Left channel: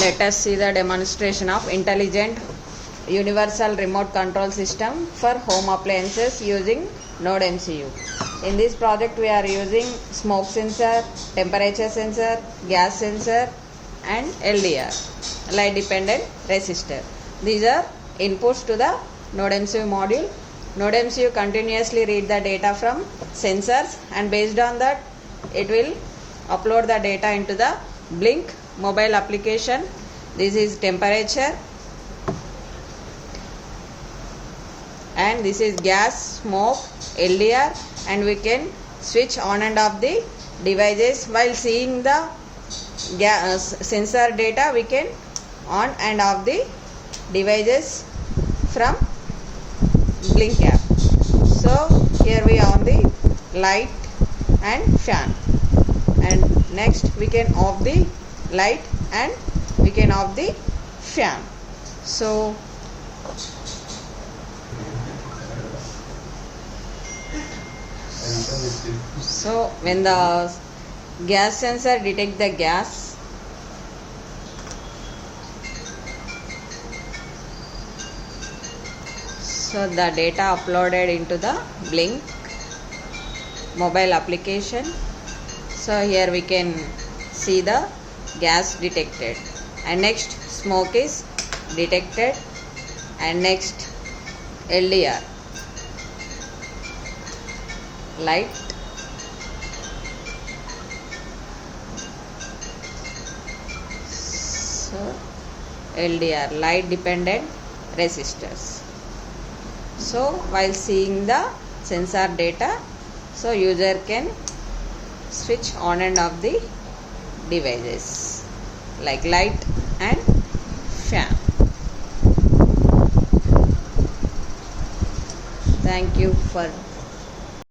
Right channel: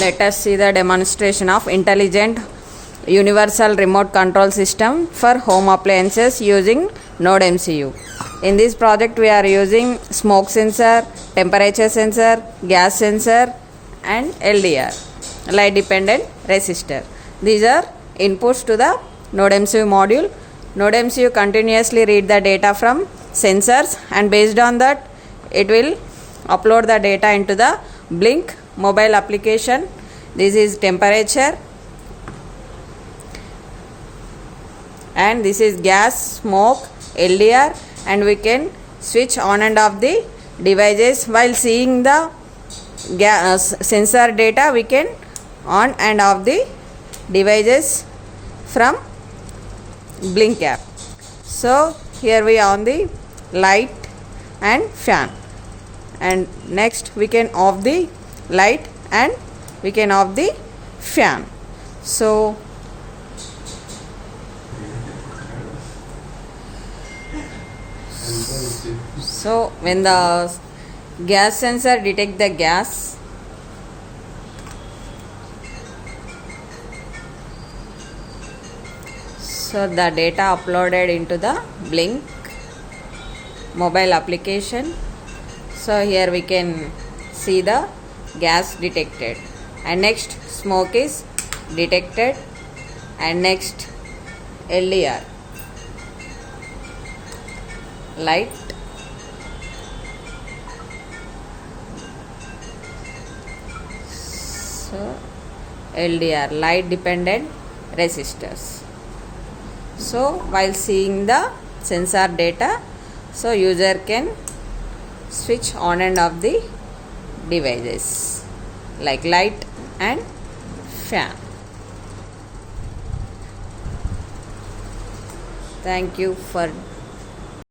Let us see the demonstration of intelligent universal remote control system for home appliances using Node MCU. In this project we are using smoke sensor, temperature sensor, gas sensor and LDR, light dependent resistor. These are inputs to the Node MCU module. Node MCU continuously read the data from sensors and based on that it will upload the data into the Blink mobile application. This is temperature and this is gas, smoke, LDR, and we can switch on and off the devices. While seeing the sensor data, we can on and off the devices from Blink app. So here we are on the light and fan, and next we can off the light and we can off the fan. So when the gas sensor detect the gas, so the data uploaded into the Blink mobile application. So here we can see the gas detected, and next smoke is detected, and next LDR, light, so LDR, light dependent resistors. So while seeing the sensor data, so user can switch on and off the devices like light and fan. Thank you for